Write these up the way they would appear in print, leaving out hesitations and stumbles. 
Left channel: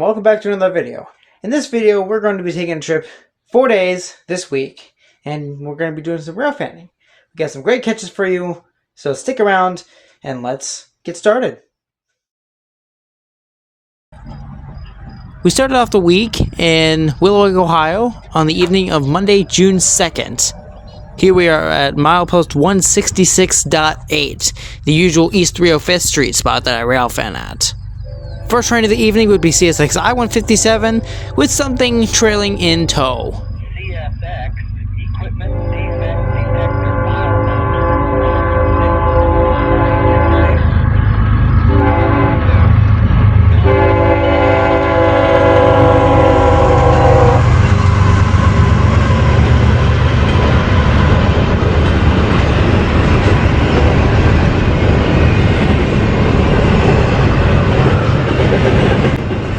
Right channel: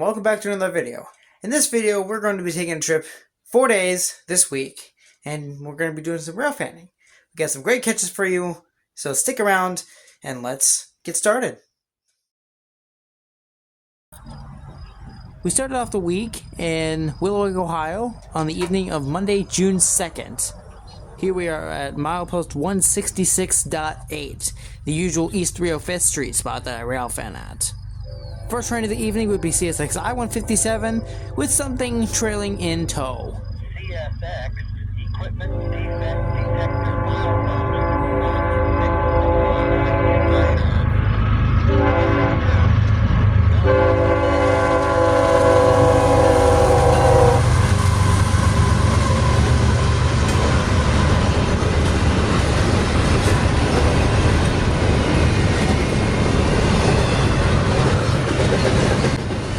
and welcome back to another video. In this video, we're going to be taking a trip 4 days this week, and we're going to be doing some railfanning. We got some great catches for you, so stick around and let's get started. We started off the week in Willowick, Ohio on the evening of Monday, June 2nd. Here we are at milepost 166.8, the usual East 305th Street spot that I railfan at. First train of the evening would be CSX I-157 with something trailing in tow. CSX, equipment defect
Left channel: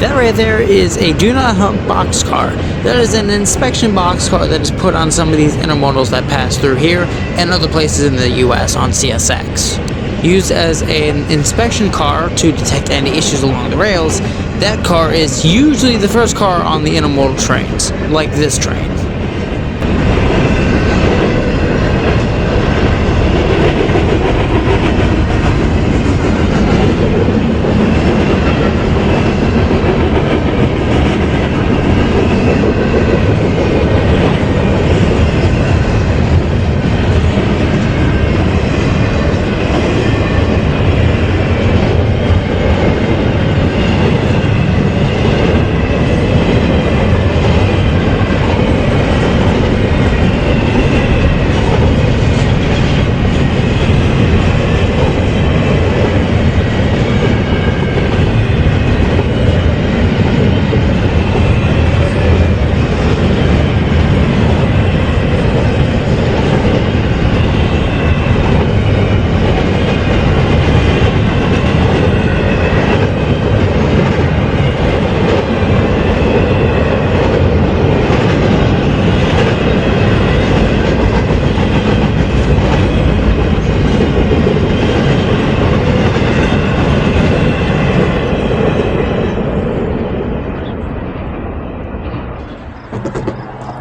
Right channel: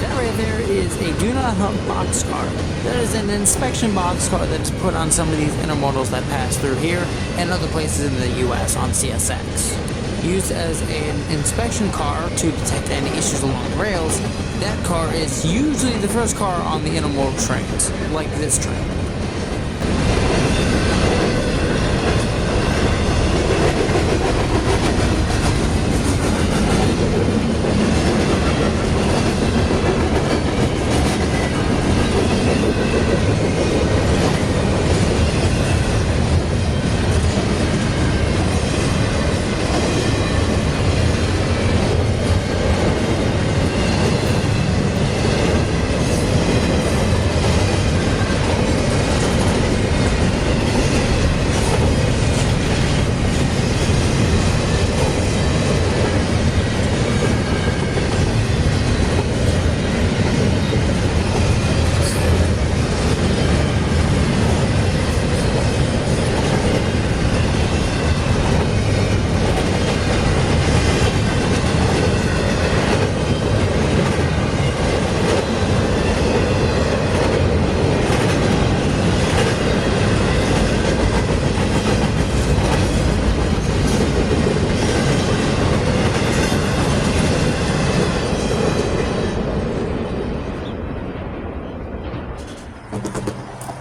That right there is a do not hunt boxcar. That is an inspection boxcar that is put on some of these intermodals that pass through here and other places in the US on CSX. Used as an inspection car to detect any issues along the rails, that car is usually the first car on the intermodal trains, like this train.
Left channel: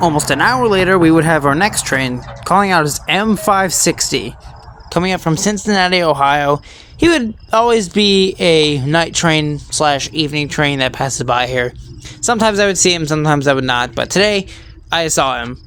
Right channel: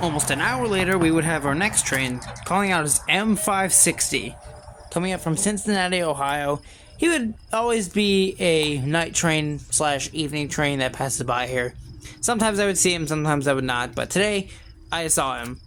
Almost an hour later, we would have our next train, calling out as M560, coming up from Cincinnati, Ohio. He would always be a night train / evening train that passes by here. Sometimes I would see him, sometimes I would not, but today I saw him.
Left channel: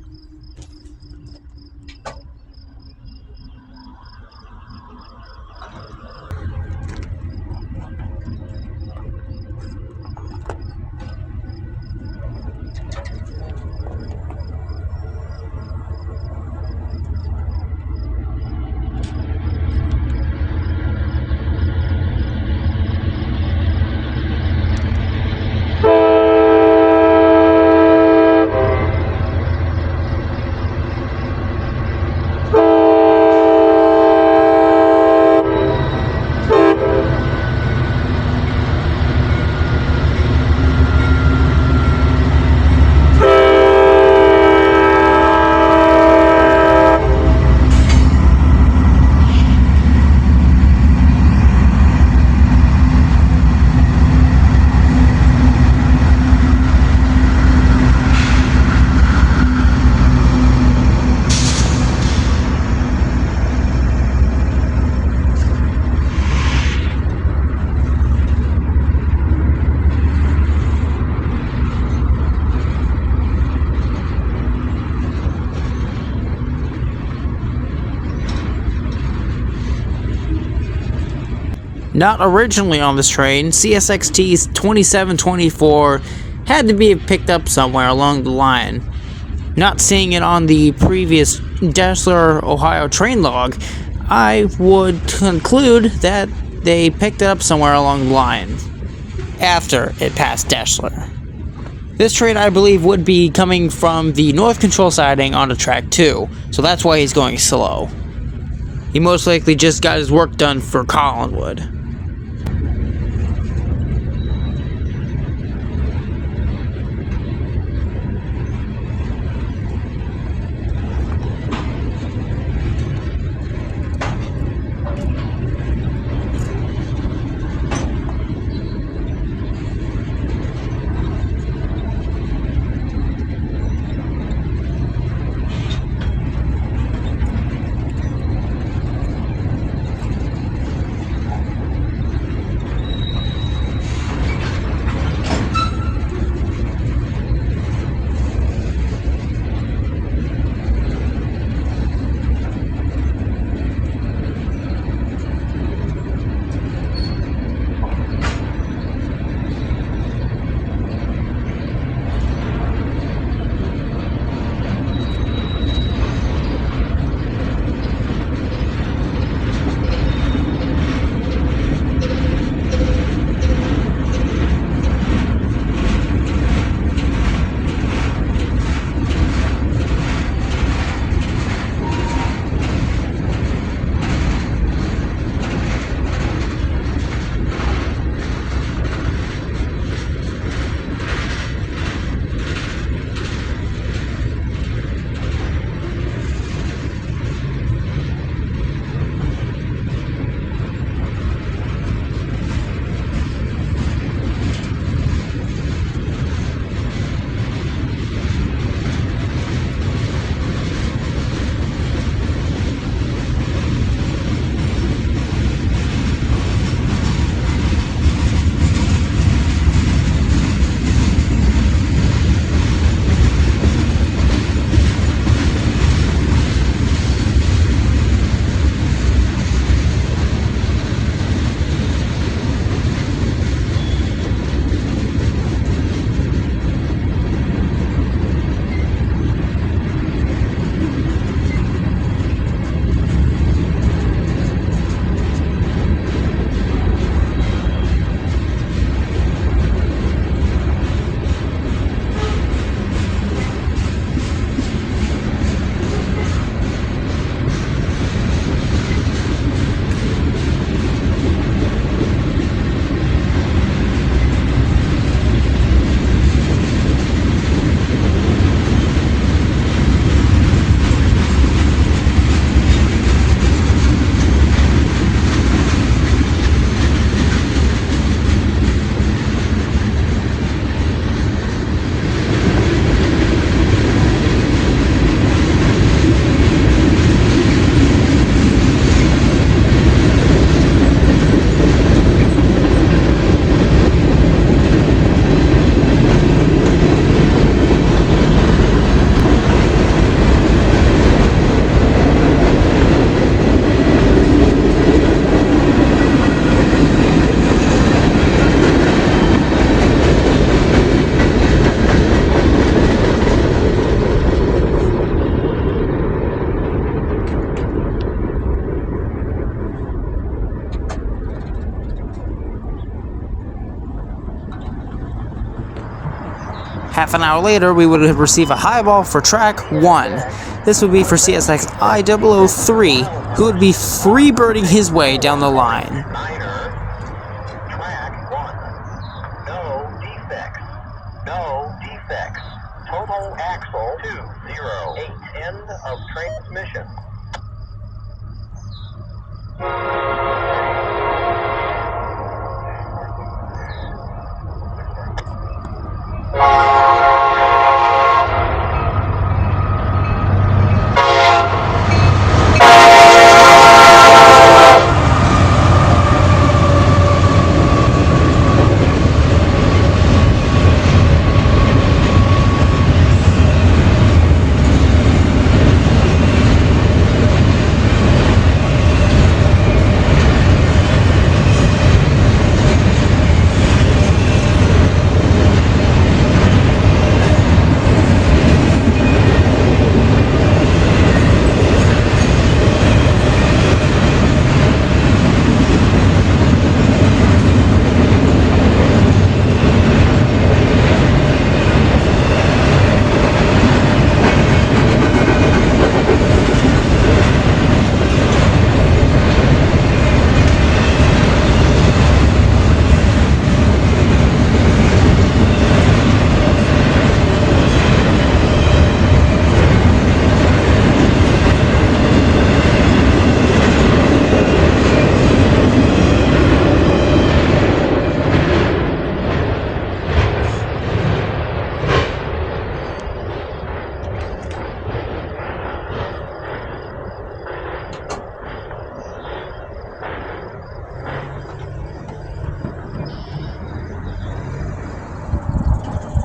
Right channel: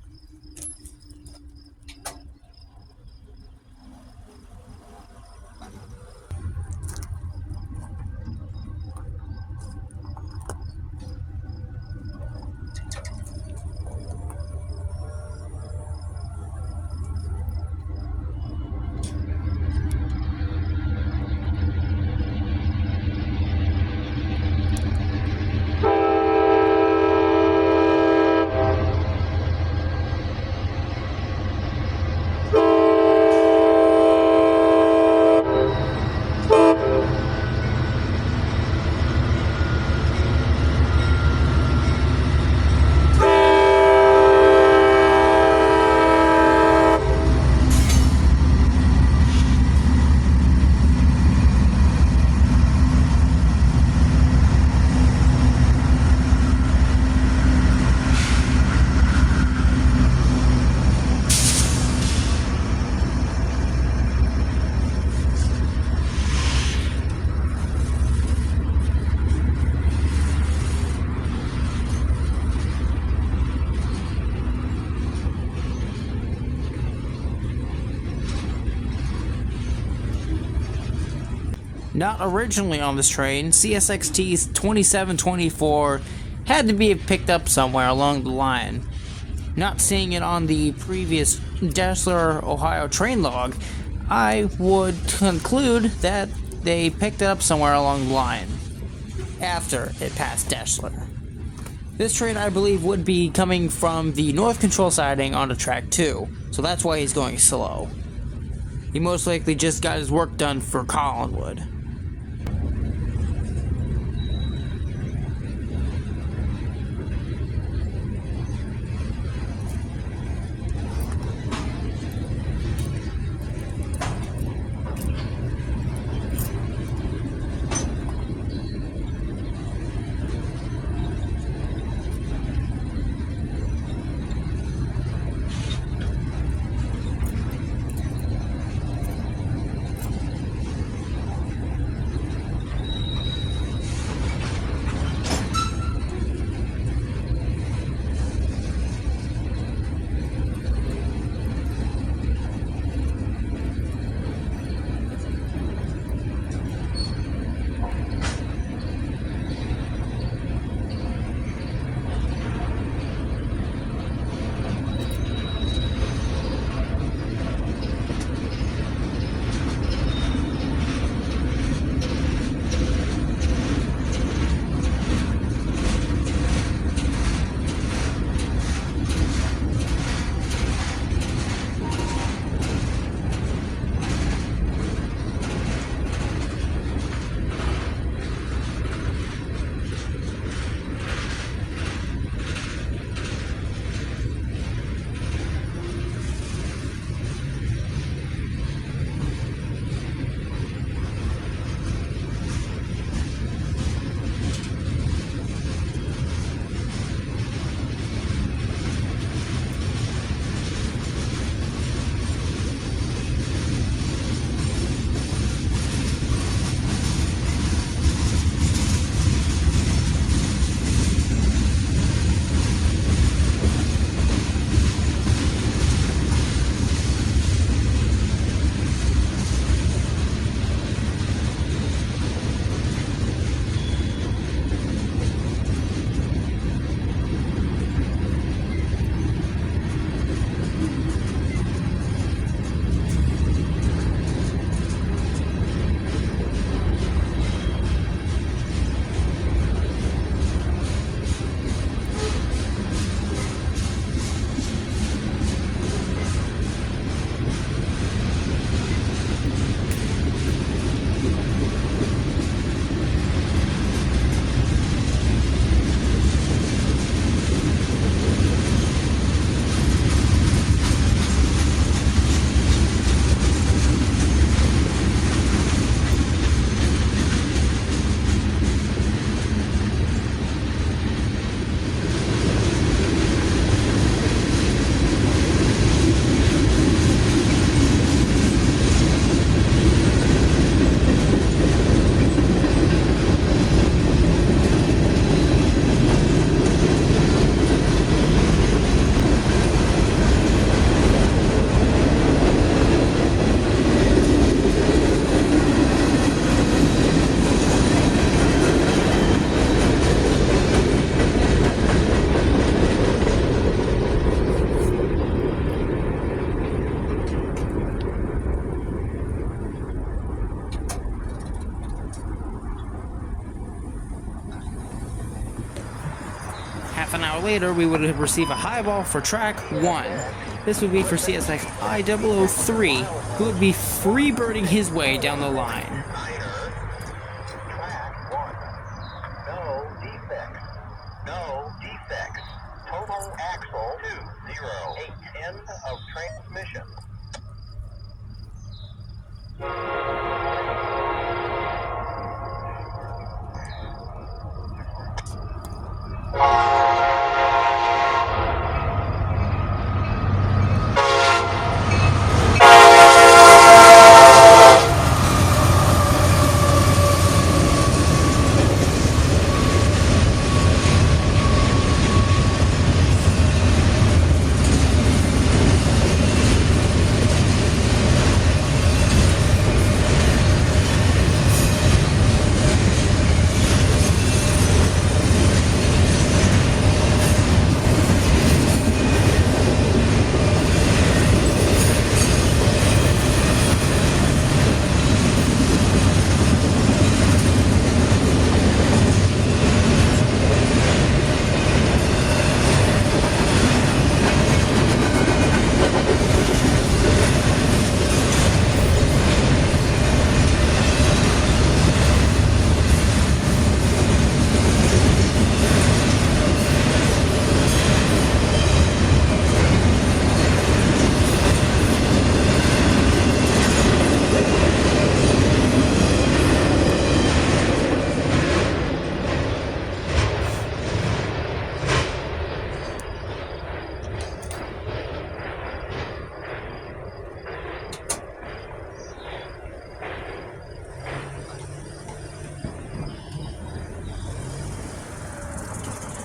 Not originally on this train, CSXT's 2724 had to be picked up somewhere along the line. Not seeing it on the previous Dassler, Ohio train log, I would conclude that they picked it up somewhere along the line after it passed Dassler. This train, I believe, would be coming from the North Control siding onto track 2, so that's why he's going slow. He most likely just got his work done for Collinwood. Half an hour later, we would receive a highball for track 1. This would be for CSX I003, who would be freebirding his way down the line. Track 1. No defects. No defects. Total axle 208. End of transmission.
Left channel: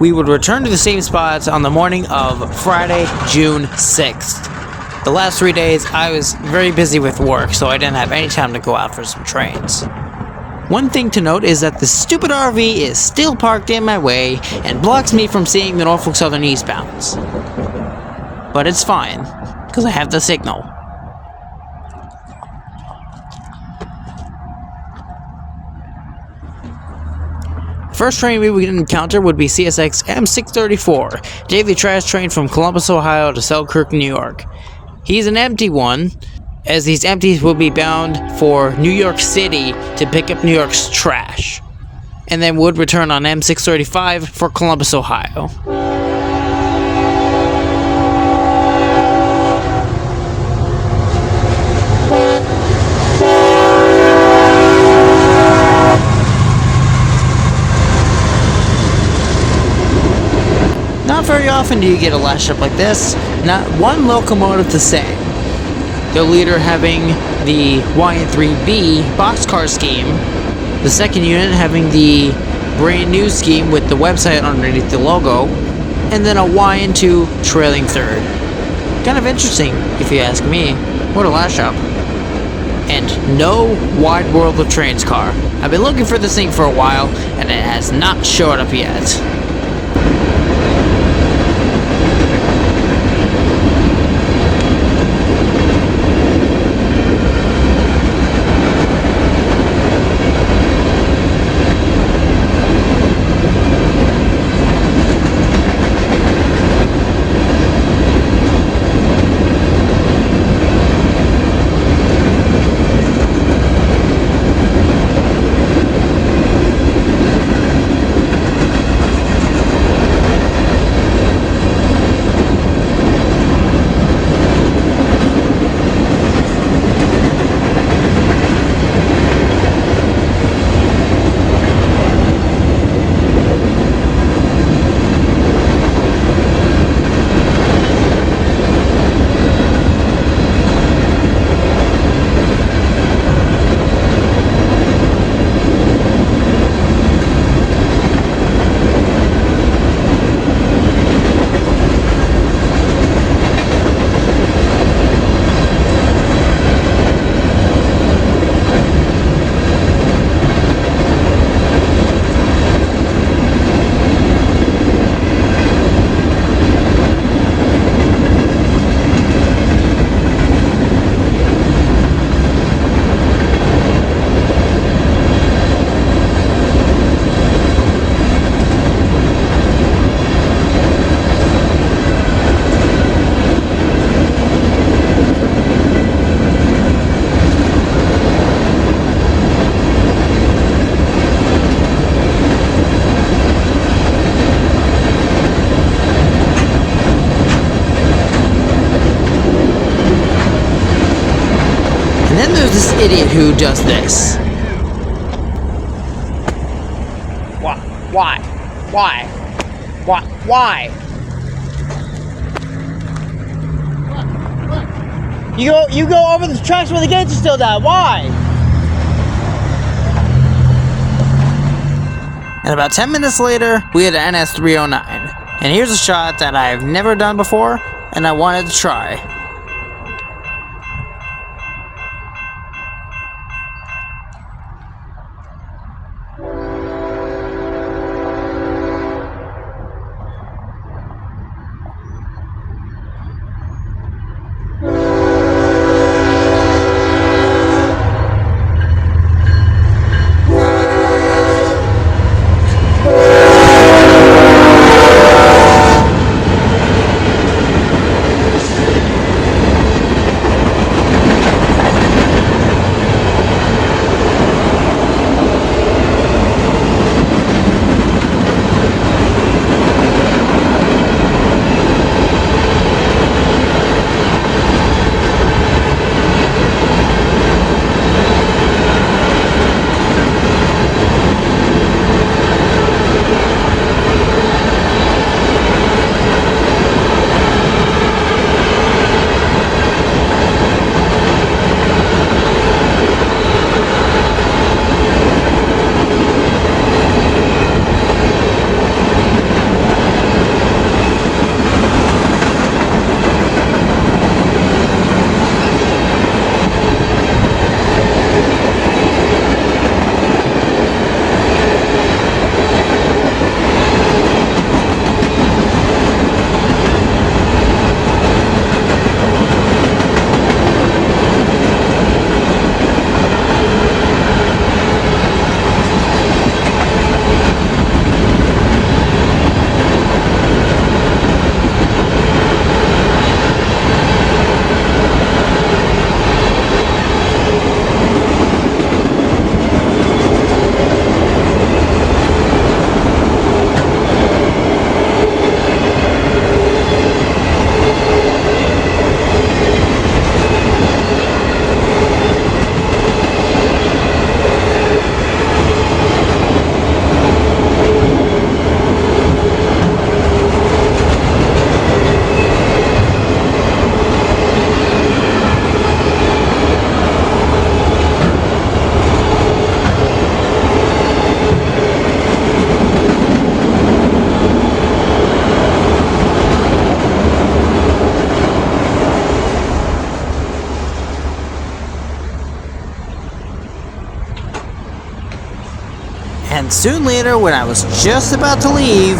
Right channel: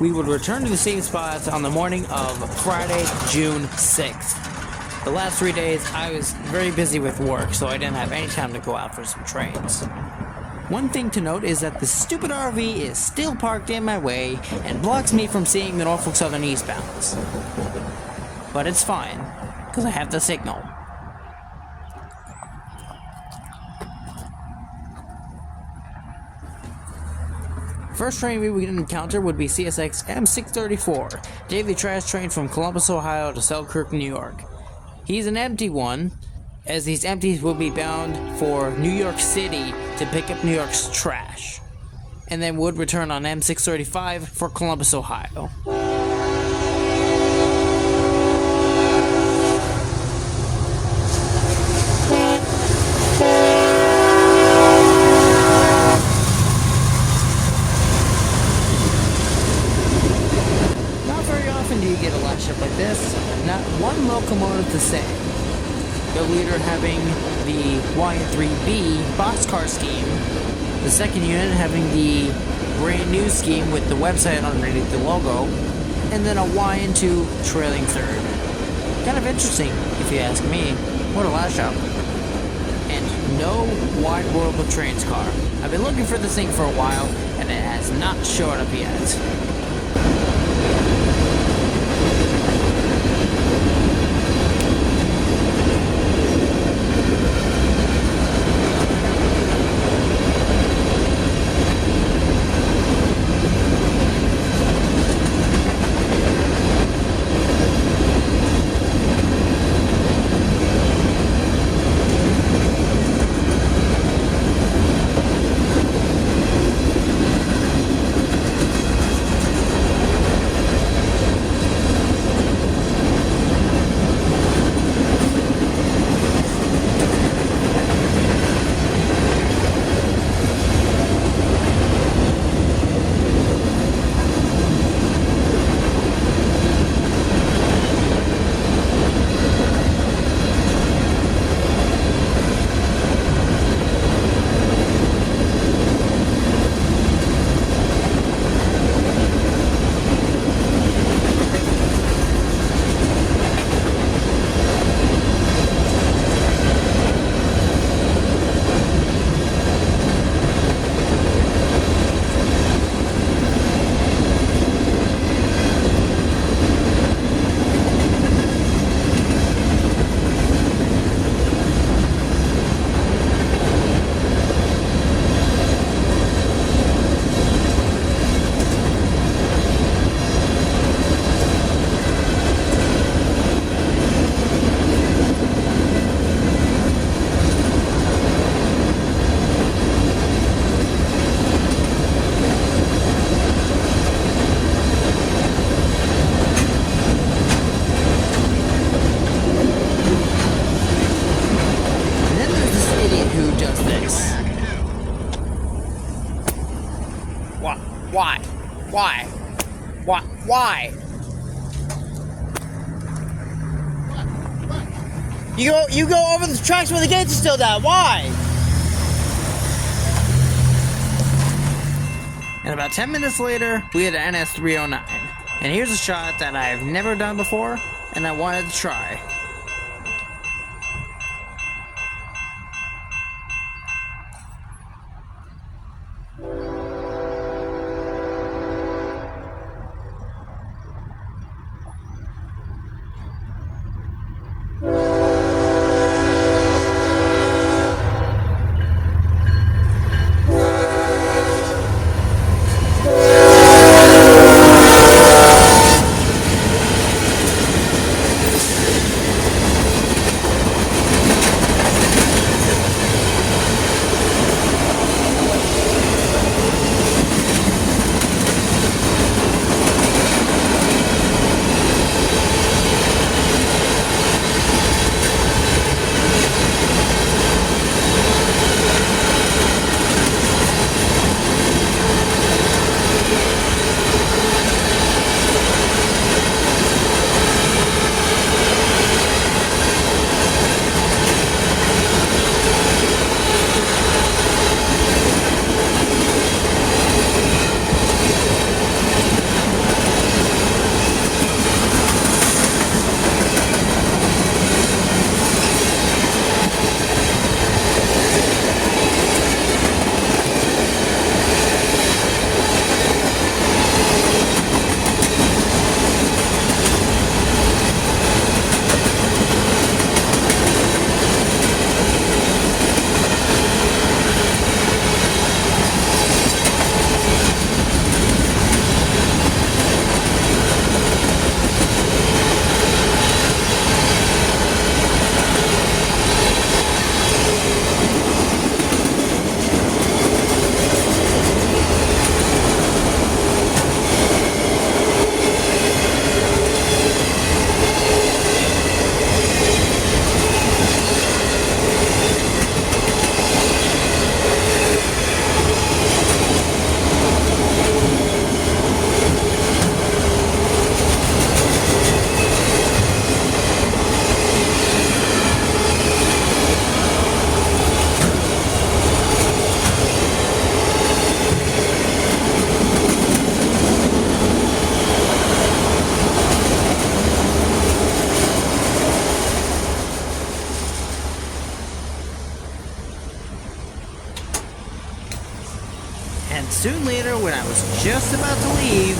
We would return to the same spots on the morning of Friday, June 6th. The last 3 days, I was very busy with work, so I didn't have any time to go out for some trains. One thing to note is that the stupid RV is still parked in my way and blocks me from seeing the Norfolk Southern eastbounds. But it's fine, because I have the signal. First train we would encounter would be CSX M634, daily trash train from Columbus, Ohio to Selkirk, New York. He's an empty one, as these empties will be bound for New York City to pick up New York's trash, and then would return on M635 for Columbus, Ohio. Very often do you get a last trip like this. Not one locomotive the same. The leader having the YN3B boxcar scheme, the second unit having the brand new scheme with the website underneath the logo, and then a YN2 trailing third. Kind of interesting, if you ask me. What a last shop. And no Wide World of Trains car. I've been looking for this thing for a while, and it has not showed up yet. then there's this idiot who does this. Why? You go over the tracks where the gates are still down. Why? And about 10 minutes later, we had an NS309. And here's a shot that I've never done before, and I wanted to try. And soon later, when I was just about to leave,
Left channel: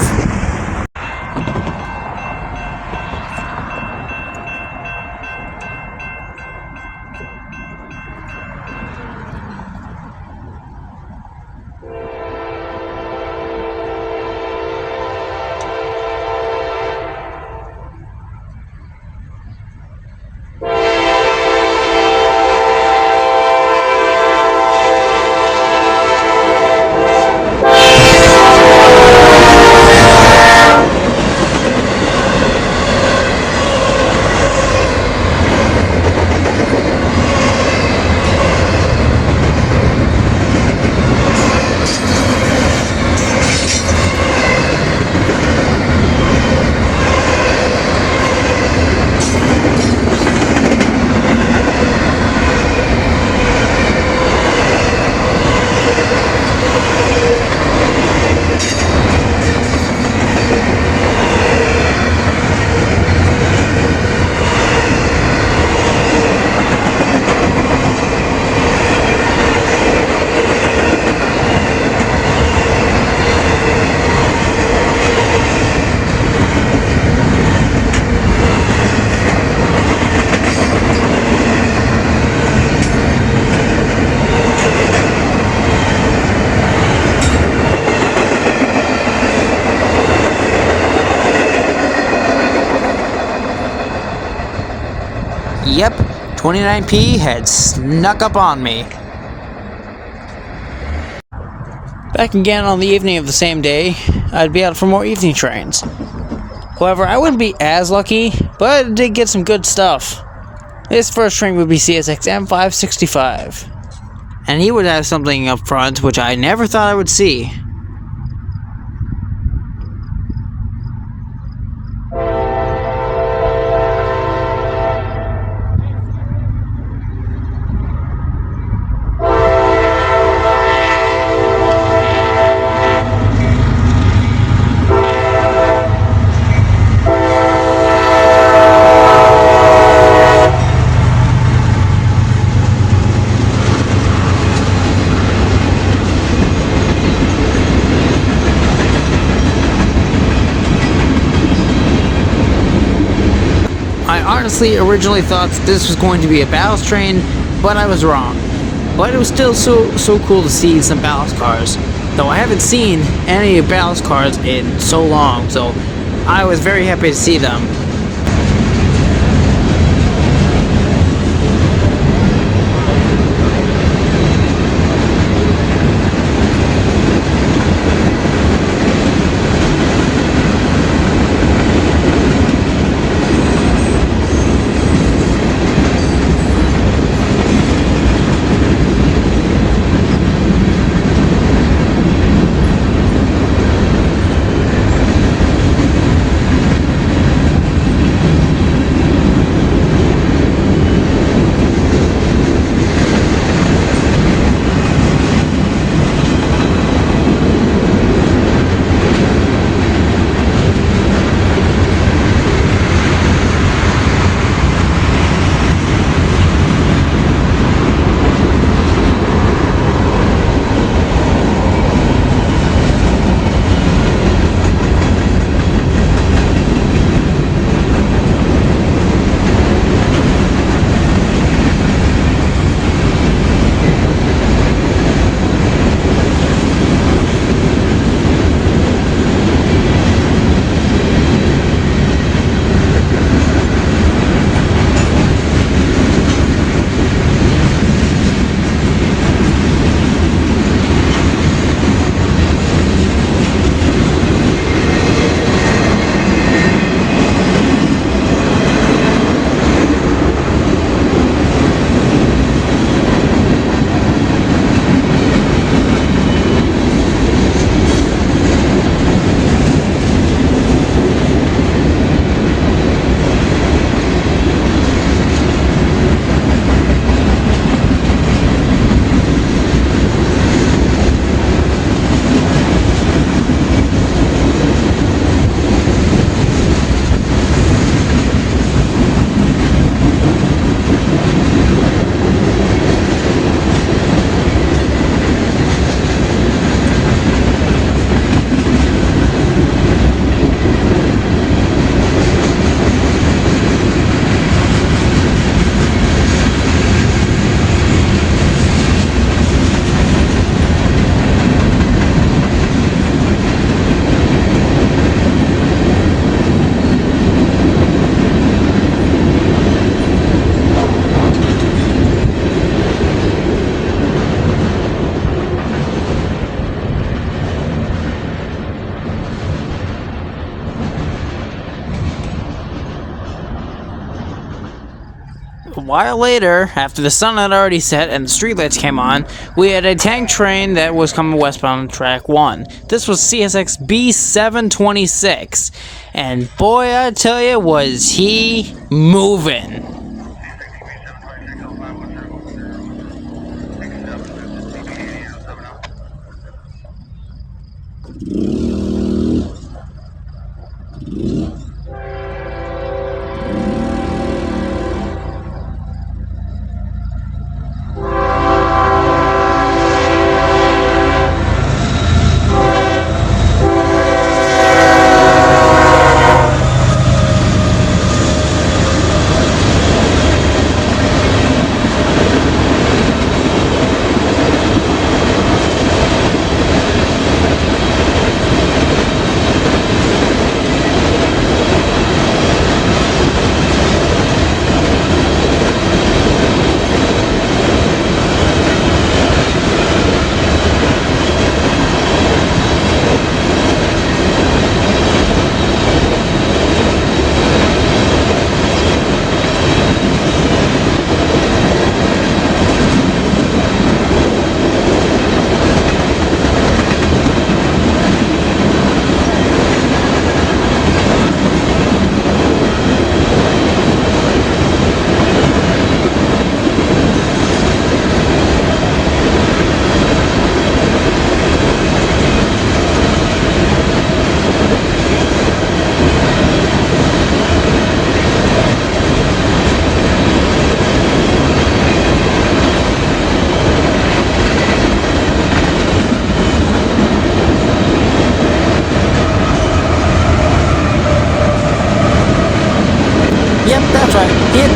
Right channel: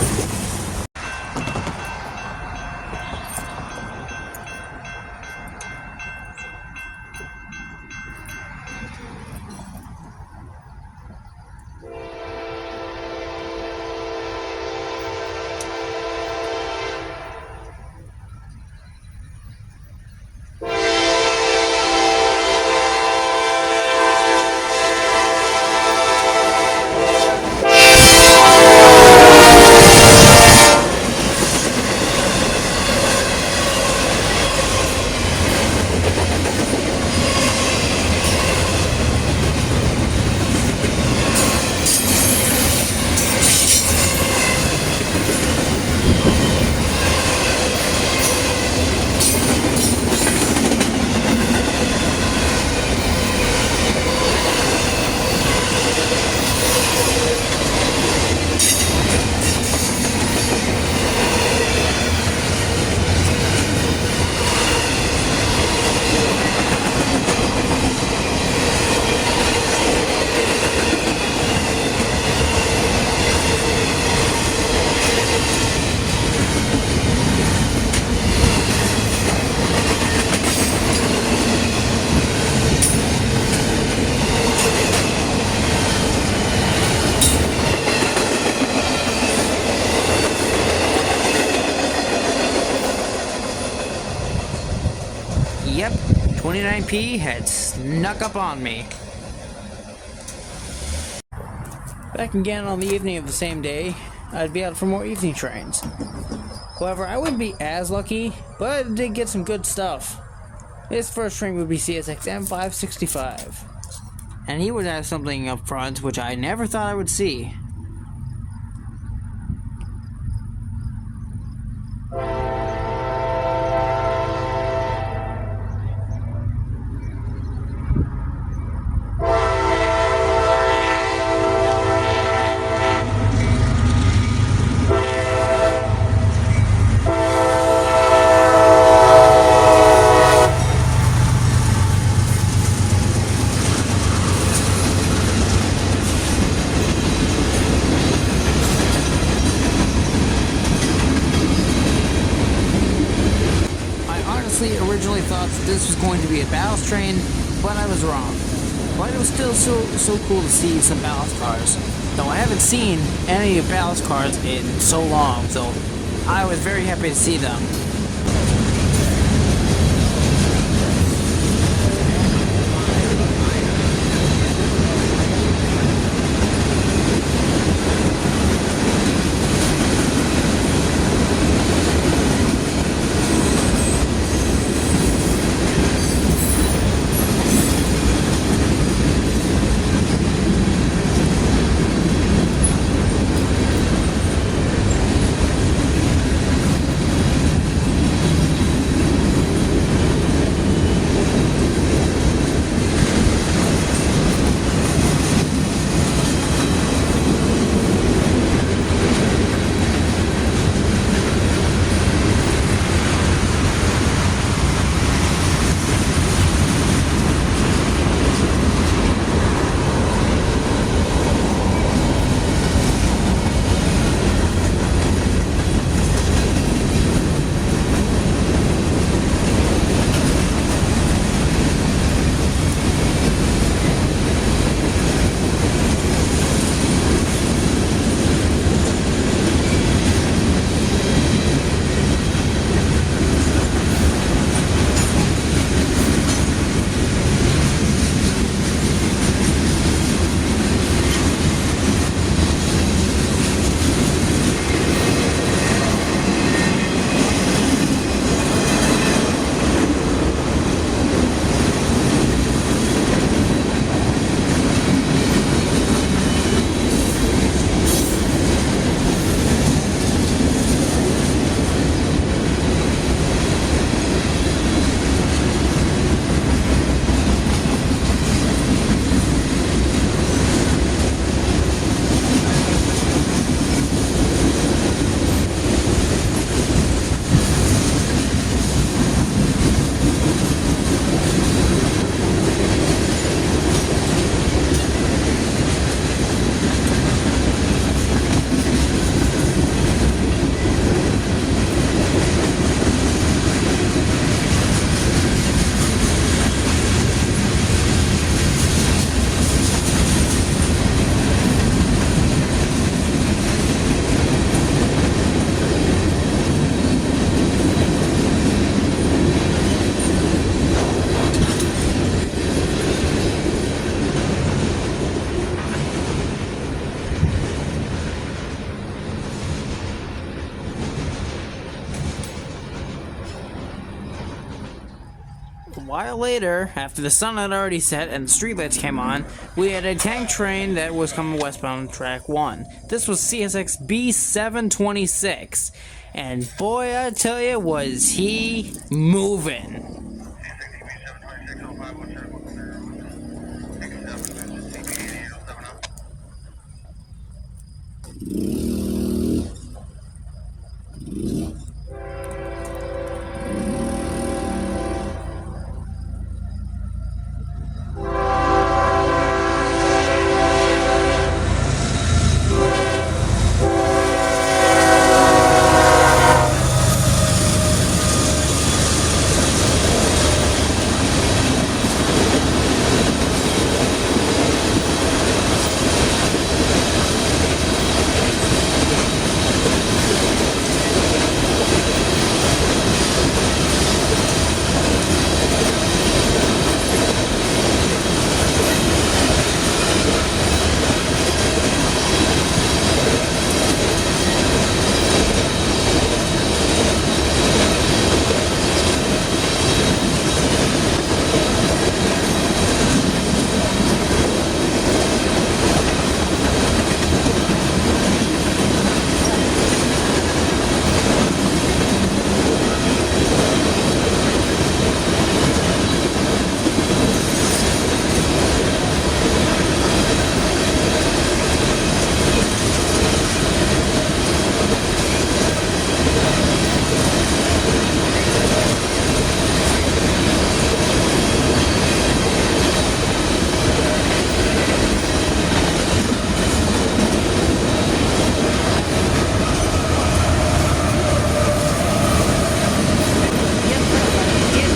yep, 29P had snuck up on me. Back again on the evening of the same day, I'd be out for more evening trains. However, I wouldn't be as lucky, but I did get some good stuff. His first train would be CSX M565. And he would have something up front which I never thought I would see. Originally thought that this was going to be a ballast train, but I was wrong. But it was still so cool to see some ballast cars, though I haven't seen any ballast cars in so long, so I was very happy to see them. A while later, after the sun had already set and the streetlights came on, we had a tank train that was coming westbound on track 1. This was CSX B726, and boy, I tell you, was he moving.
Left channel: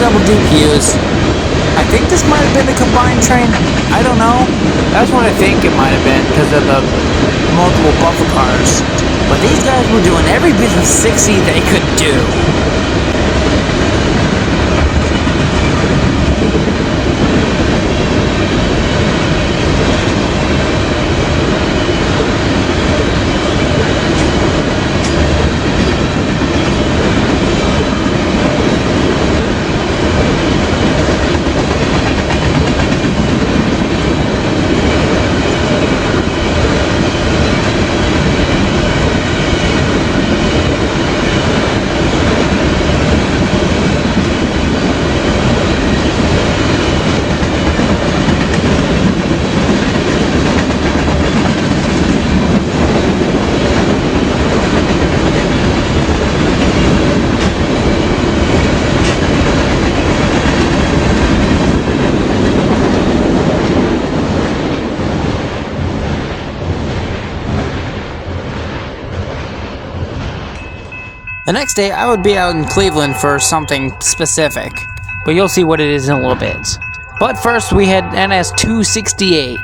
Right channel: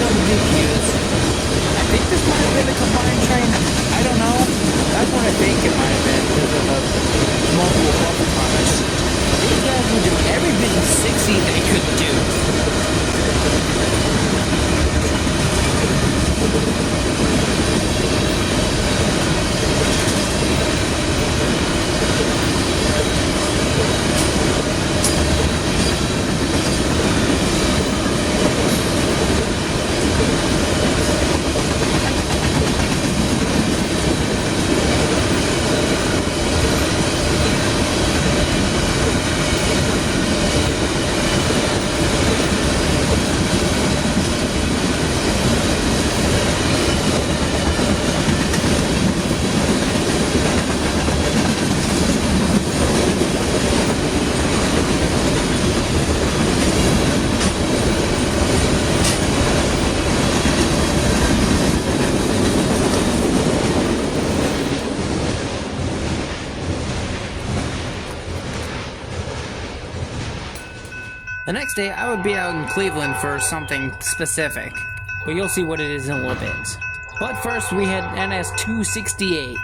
double DQs. I think this might have been a combined train. I don't know. That's what I think it might have been because of the multiple buffer cars. But these guys were doing every bit of 60 they could do. The next day, I would be out in Cleveland for something specific, but you'll see what it is in a little bit. But first, we had NS 268.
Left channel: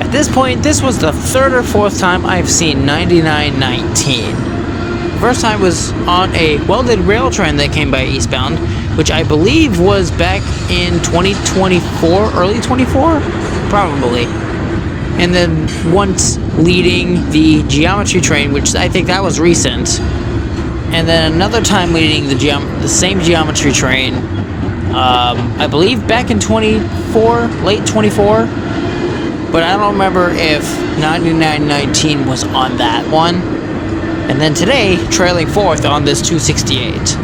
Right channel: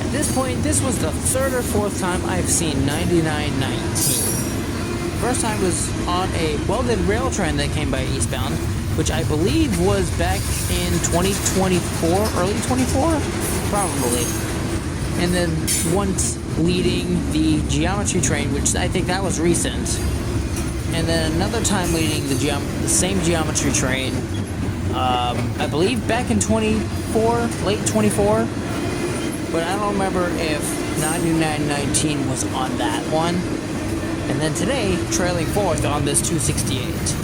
At this point, this was the third or fourth time I've seen 9919. First time was on a welded rail train that came by eastbound, which I believe was back in 2024, early 24? Probably. And then once leading the geometry train, which I think that was recent. And then another time leading the same geometry train, I believe back in 24, late 24. But I don't remember if 9919 was on that one. And then today, trailing fourth on this 268.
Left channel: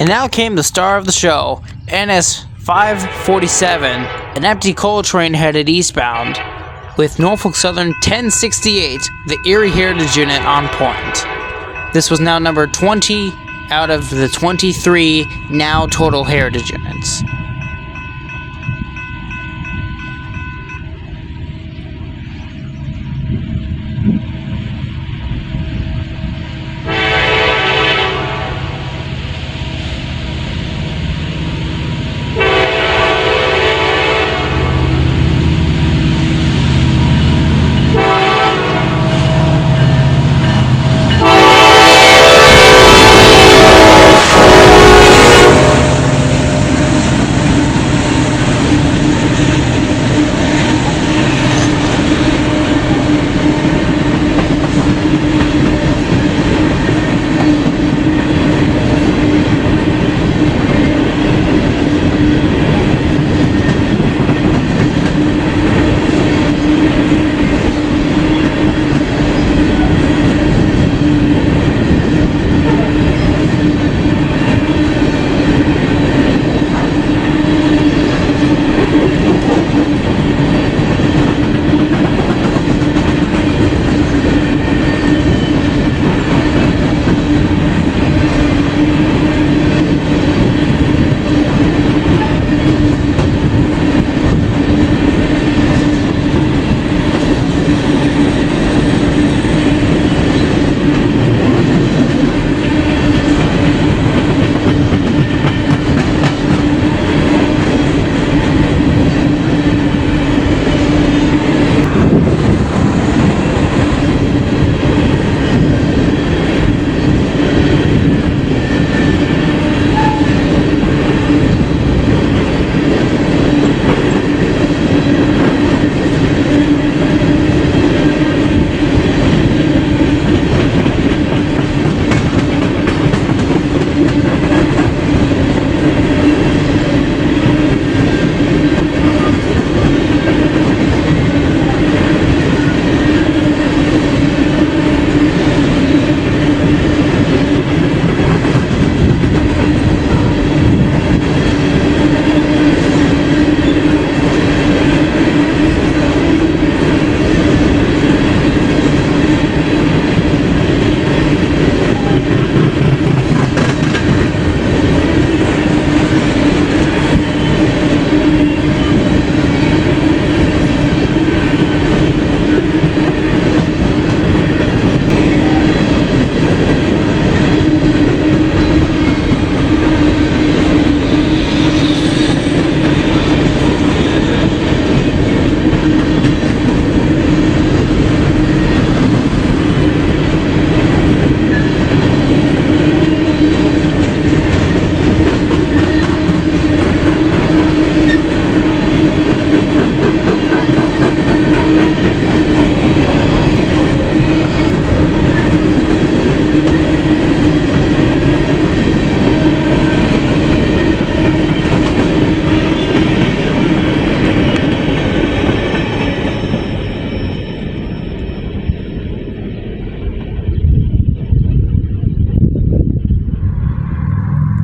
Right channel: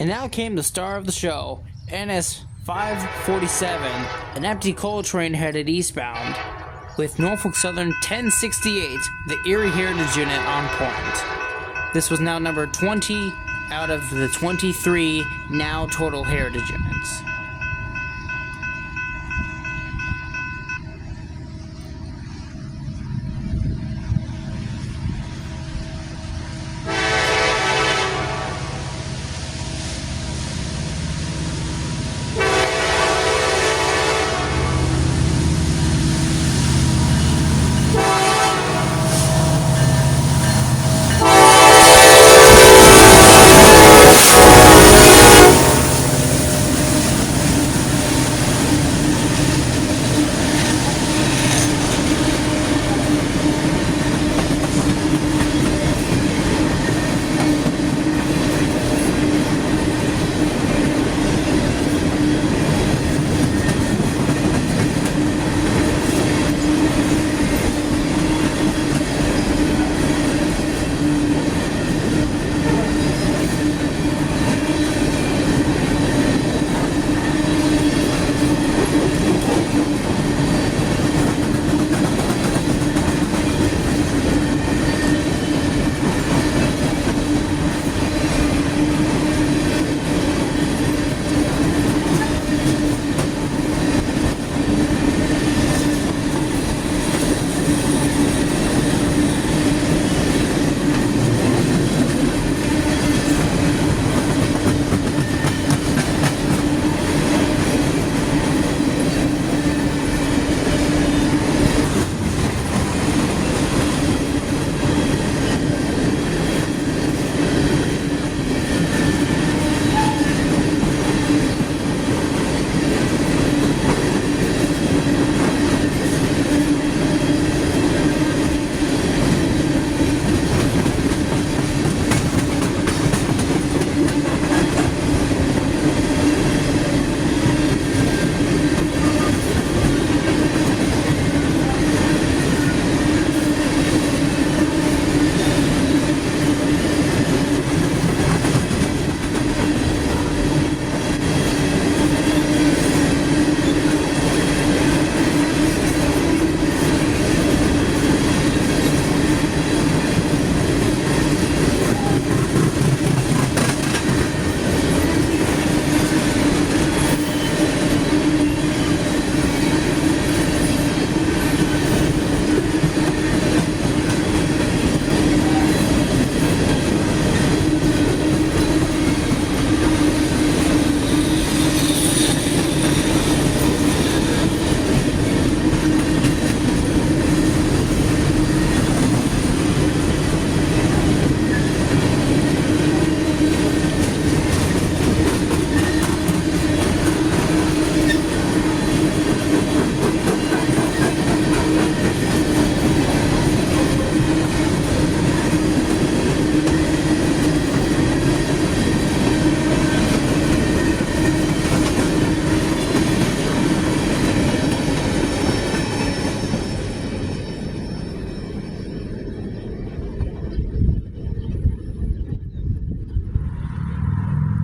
And now came the star of the show, NS 547, an empty coal train headed eastbound. with Norfolk Southern 1068, the Erie Heritage Unit, on point. This was now number 20 out of the 23 now total Heritage Units.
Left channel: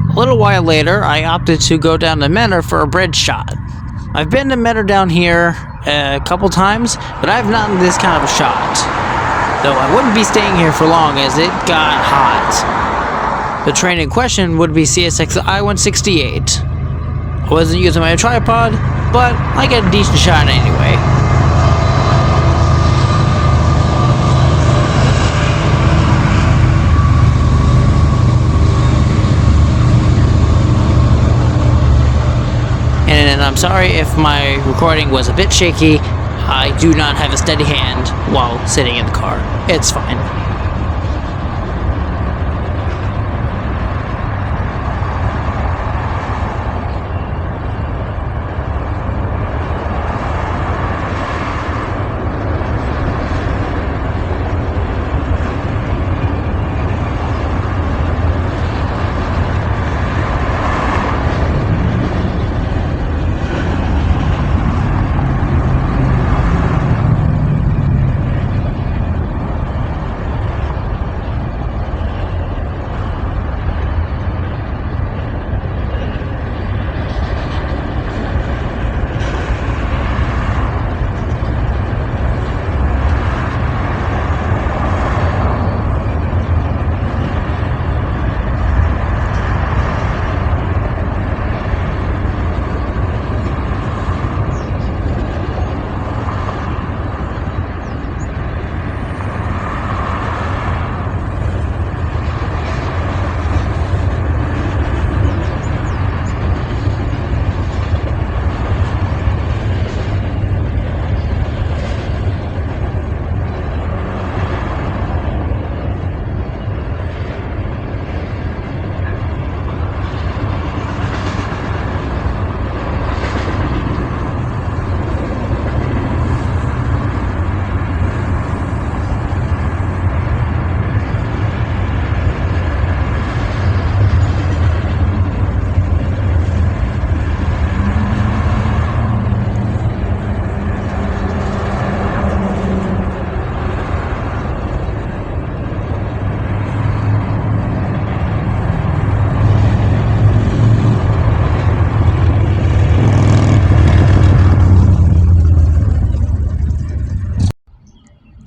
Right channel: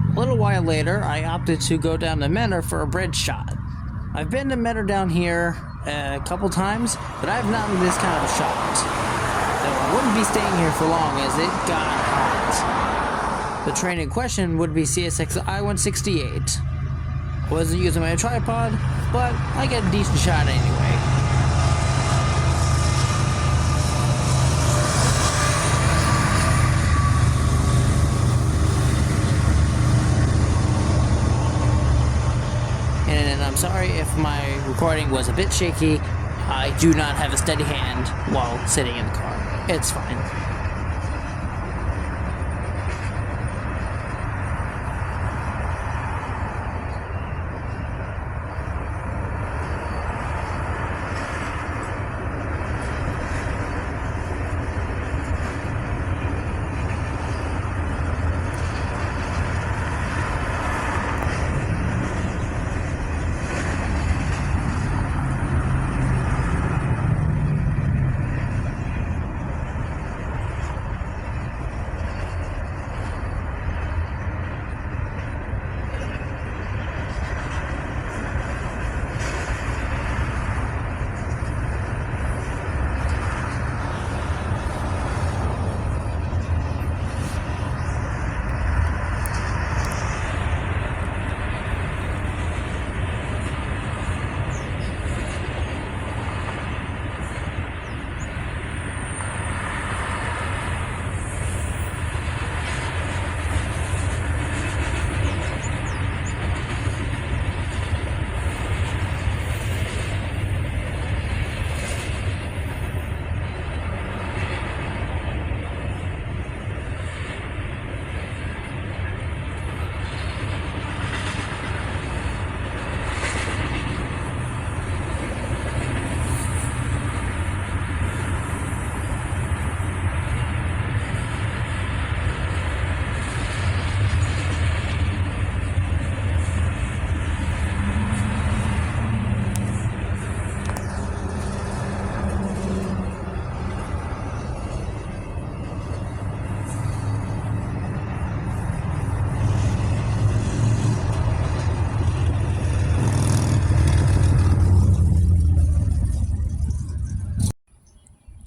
A little while later, I opted to go down to Menor for a bridge shot. I've been to Menor down here a couple times, but I've not done this kind of a shot. Though I wouldn't be staying here for long as it got hot. The train in question would be CSX I-168. I wasn't using my tripod, but I get a decent shot anyway. And I'm sorry if my recording was a bit shaky. I do not have a steady hand while sitting in the car. It's fine.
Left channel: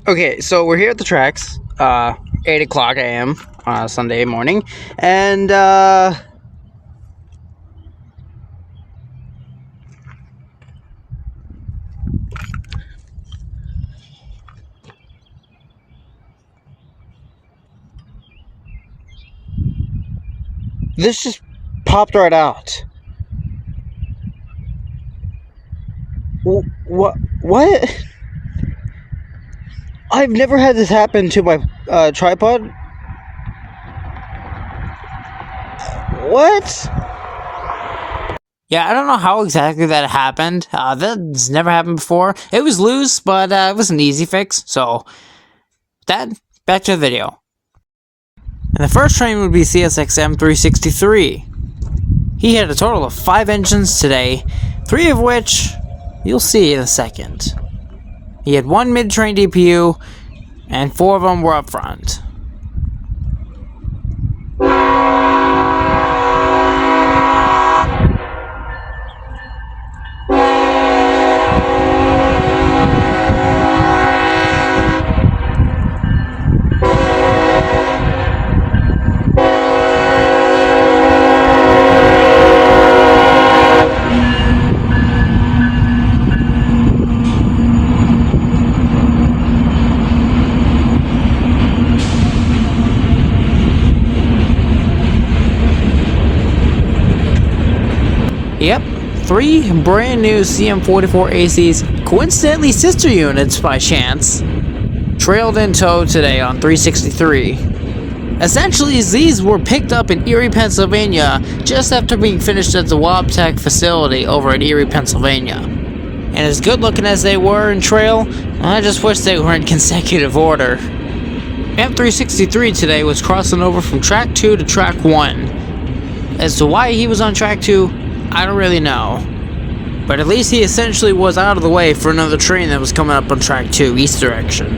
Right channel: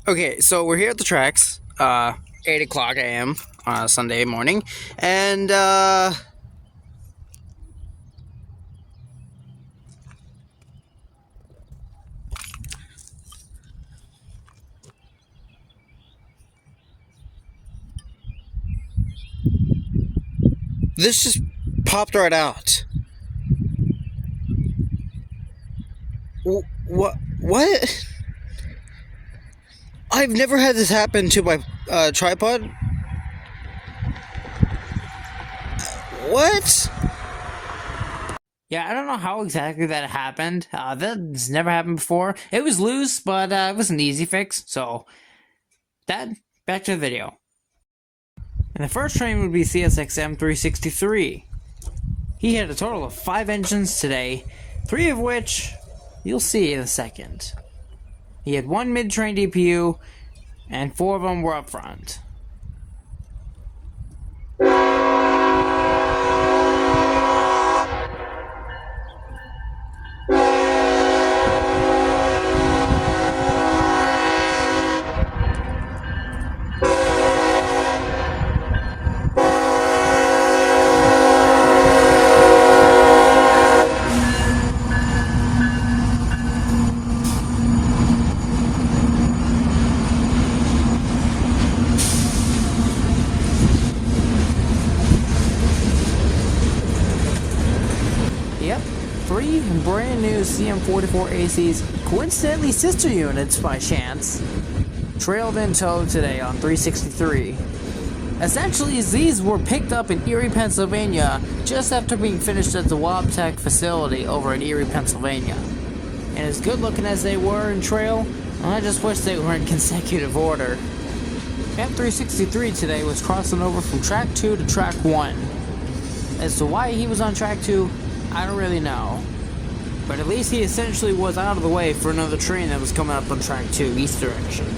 Okay, so we're here at the tracks, 8 o'clock a.m. Sunday morning, and this just popped right out. What? What? I've never had this happen to my tripod. What? Yeah, I don't know how exactly that happened. That's never happened before. It was loose, but it was an easy fix. So, back to the video. And the first train would be CSXM 363. He had a total of 5 engines today, 3 of which you'll see in a second. He had 1 mid-train DPU, and 4 of them were up front. Yep, 3 brand new CM44 ACs, coincidentally sister units by chance, trailed in tow today on 363. Essentially, these were picked up in Erie, Pennsylvania, just after being finished at the Wabtec facility over in Erie, Pennsylvania. And as good looking as they were in trail, I just wish they were in consecutive order. M363 today was crossing over from track 2 to track 1. As to why he was on track 2, I don't really know. But at least he essentially was out of the way for another train that was coming up on track 2, east direction.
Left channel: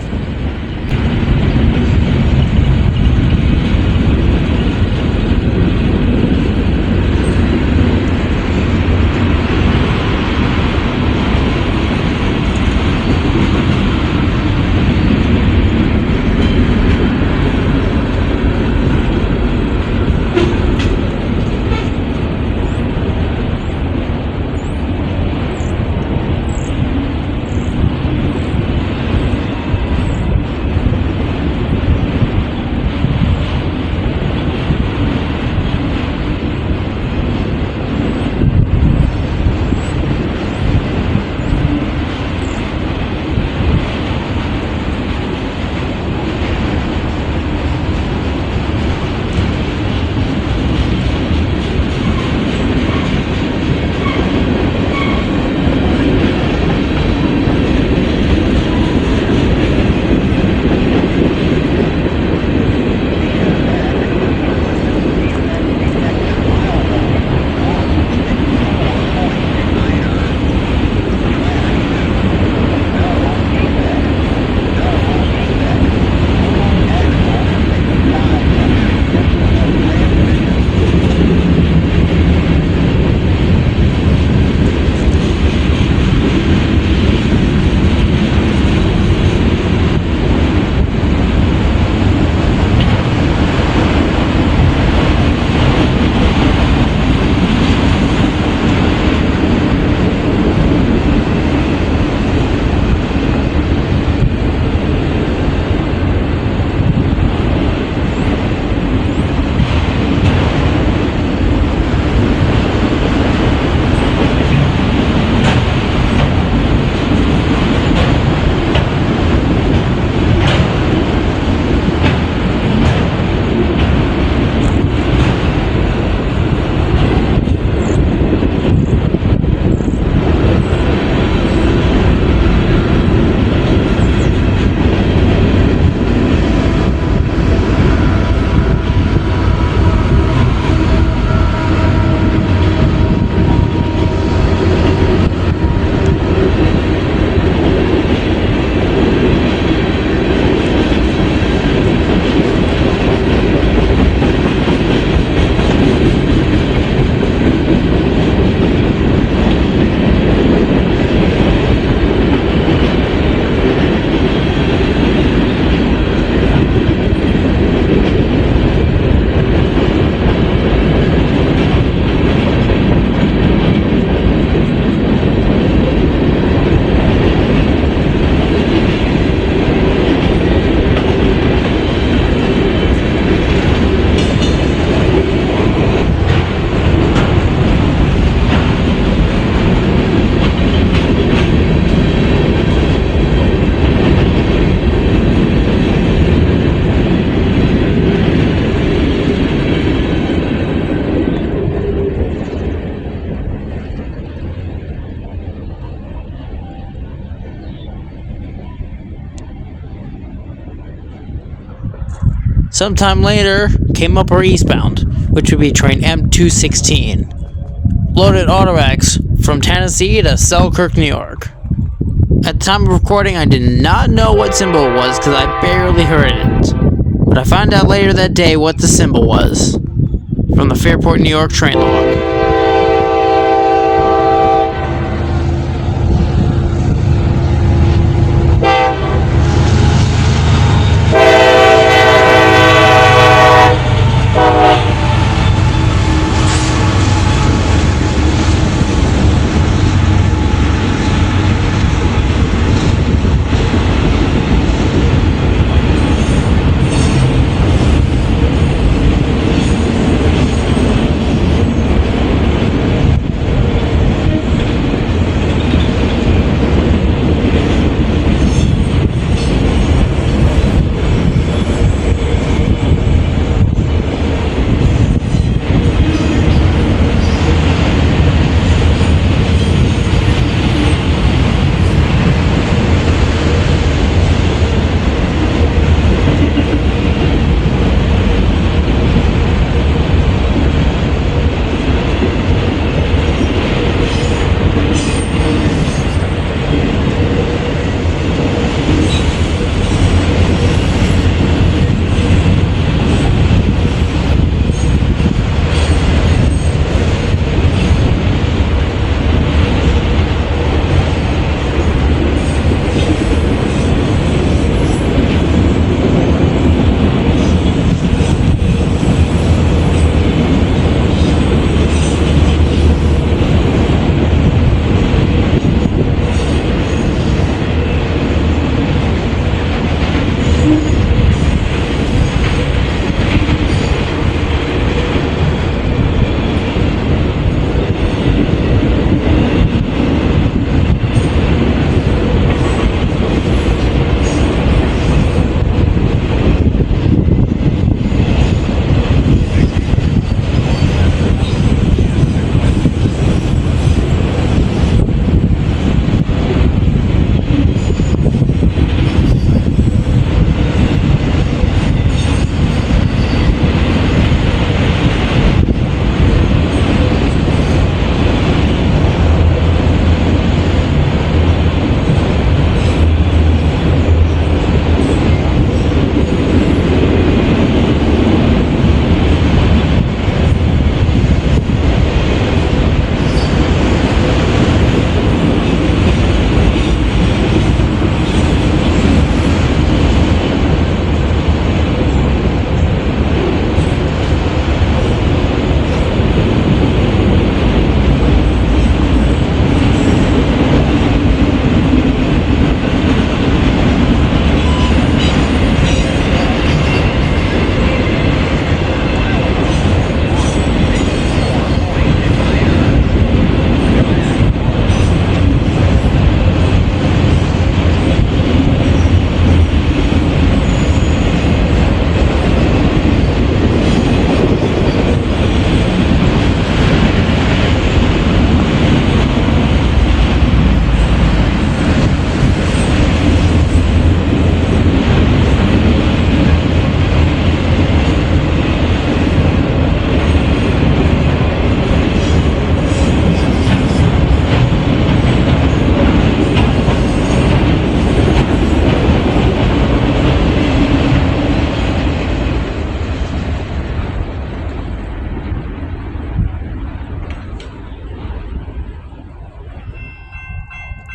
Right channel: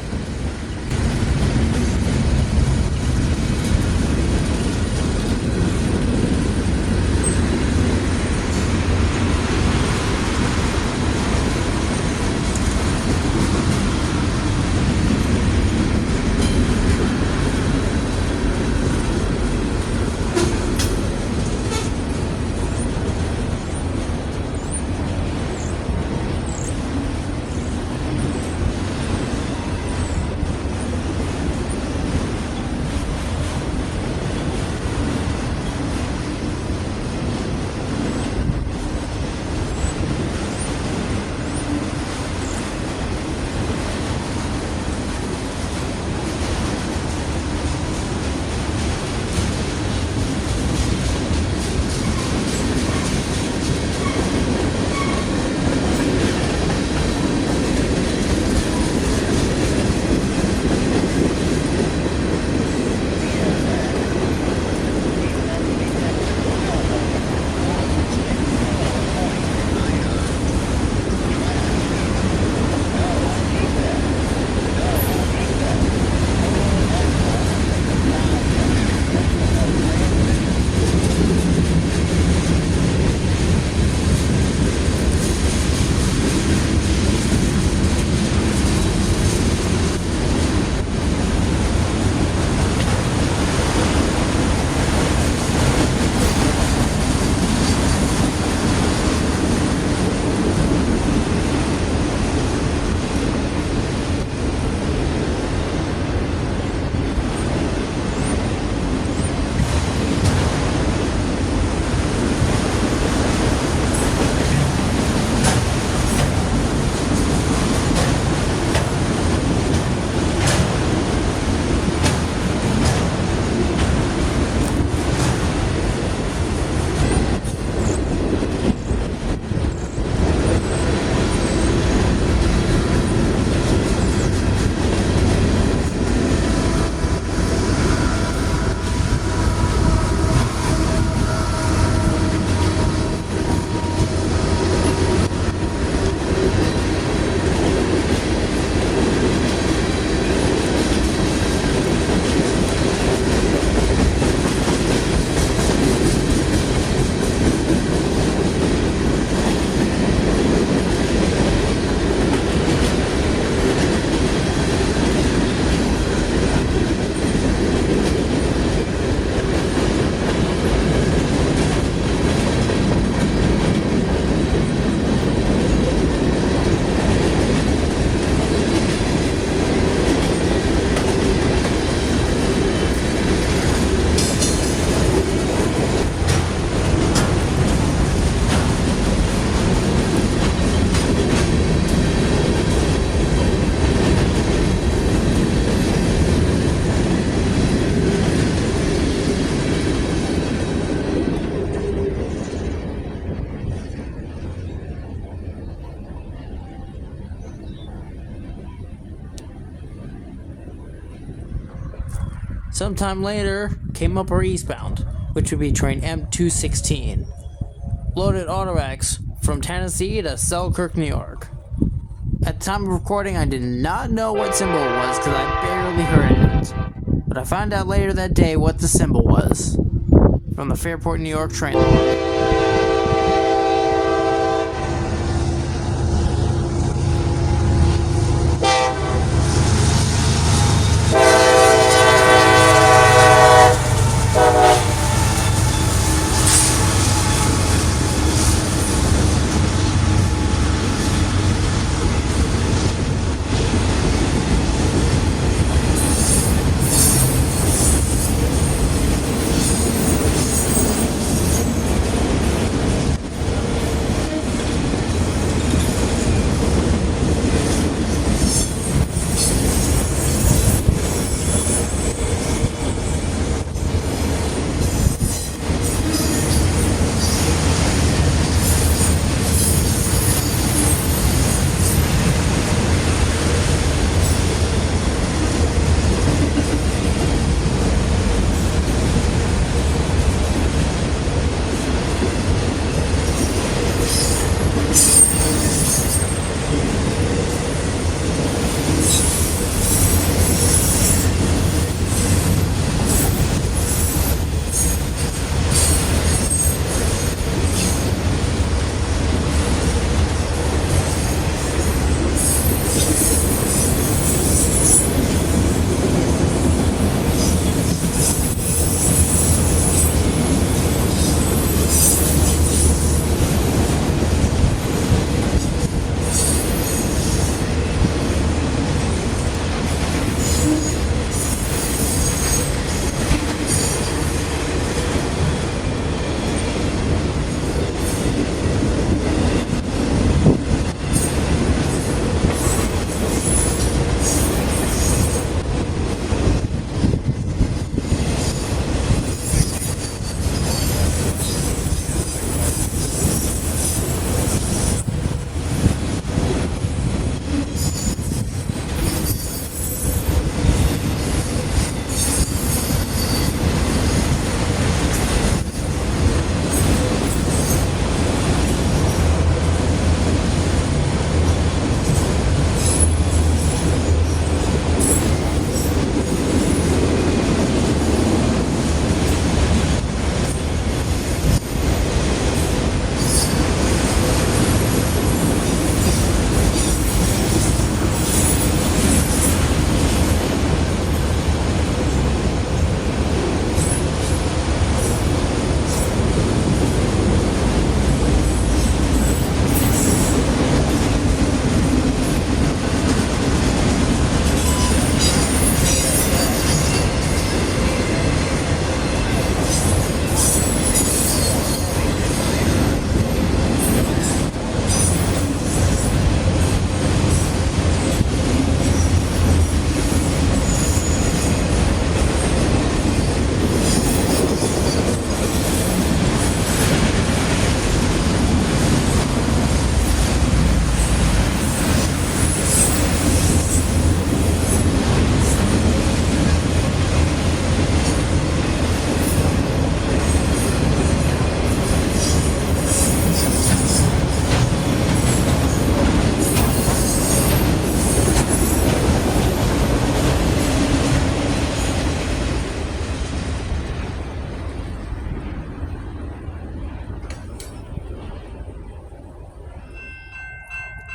Sometime later, came up our eastbound, which would be train M216. Loaded Automax from Tennessee to Selkirk, New York. At the time of recording, I did not know what symbol it was because I barely heard it. But I found out later that day what the symbol was from the Fairport, New York train log.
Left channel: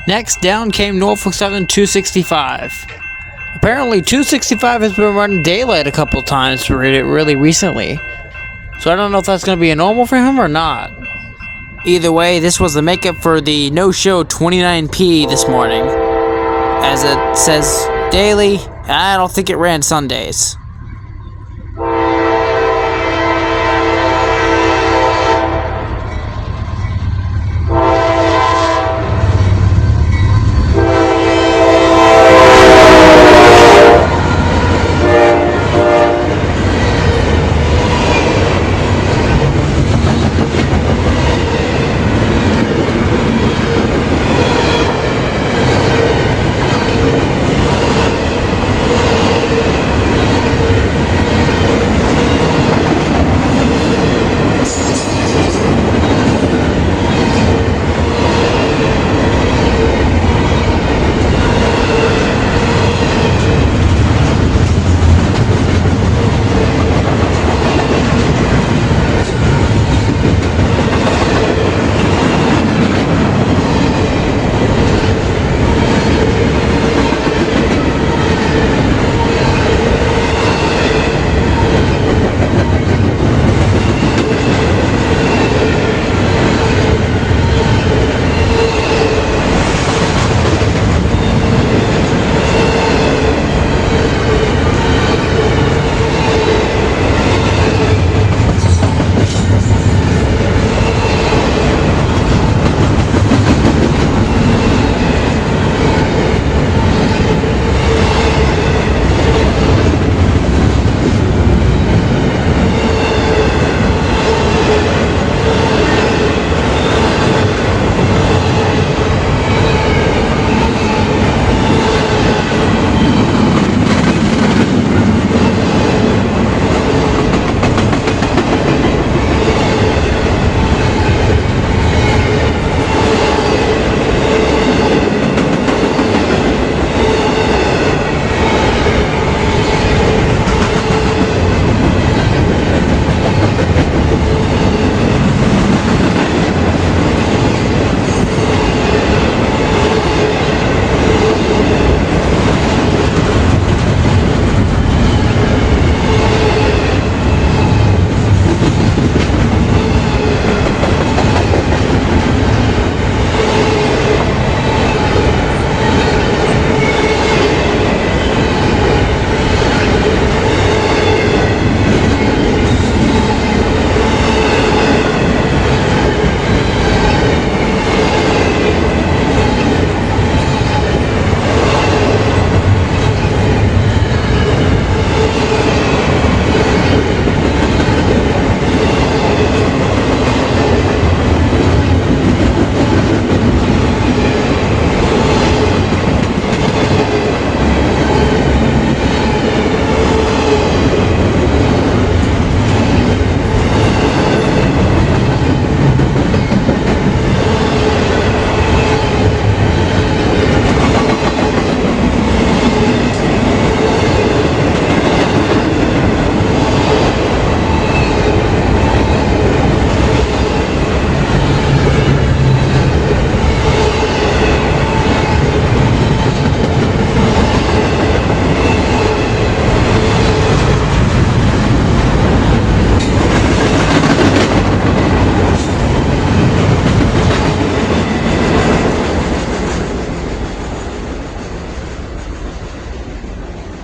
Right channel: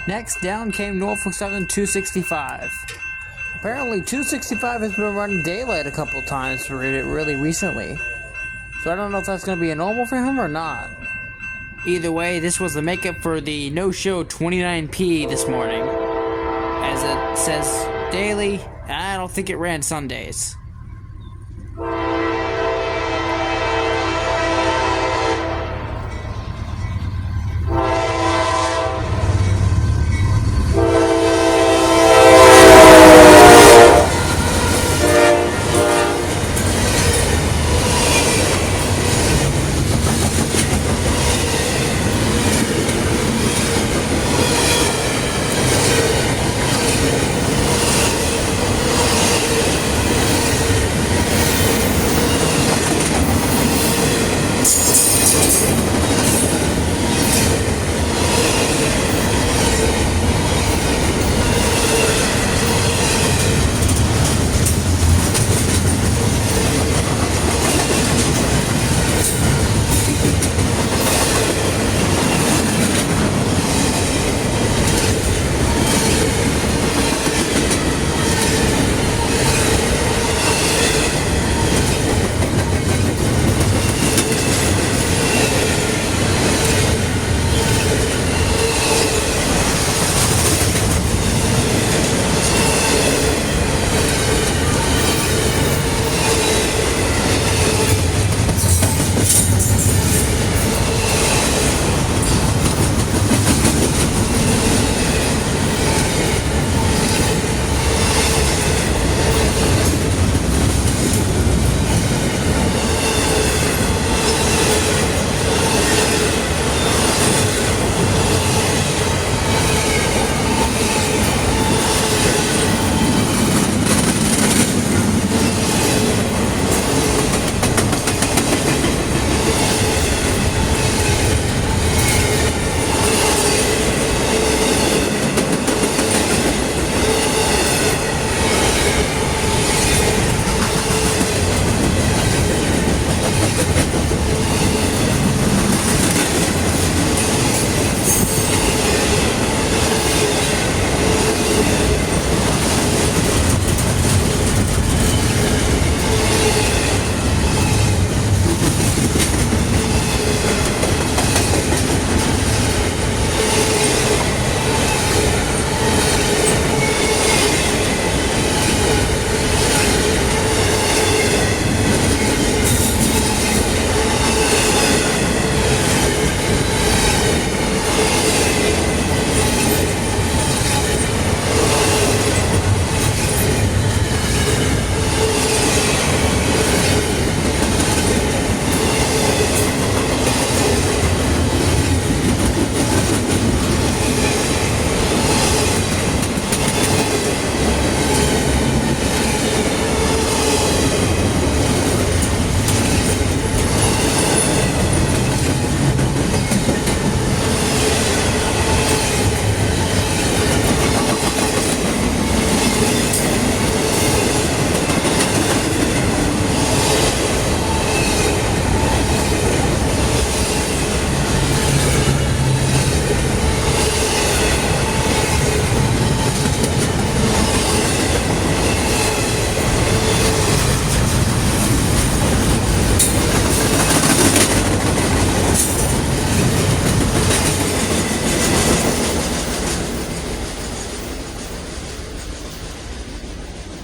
Next, down came Norfolk Southern 265. Apparently, 265 has been running daylight a couple times really recently. So I don't know if that's going to be a normal for him or not. Either way, this was the makeup for the no-show 29P this morning. As it says daily, I don't think it ran Sundays.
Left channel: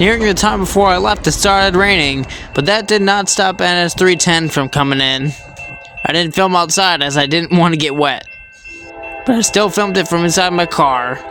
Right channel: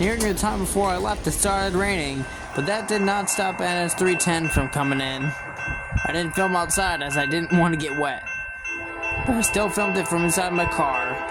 Nearing the time before I left, it started raining, but that did not stop NS310 from coming in. I didn't film outside as I didn't want to get wet, but I still filmed it from inside my car.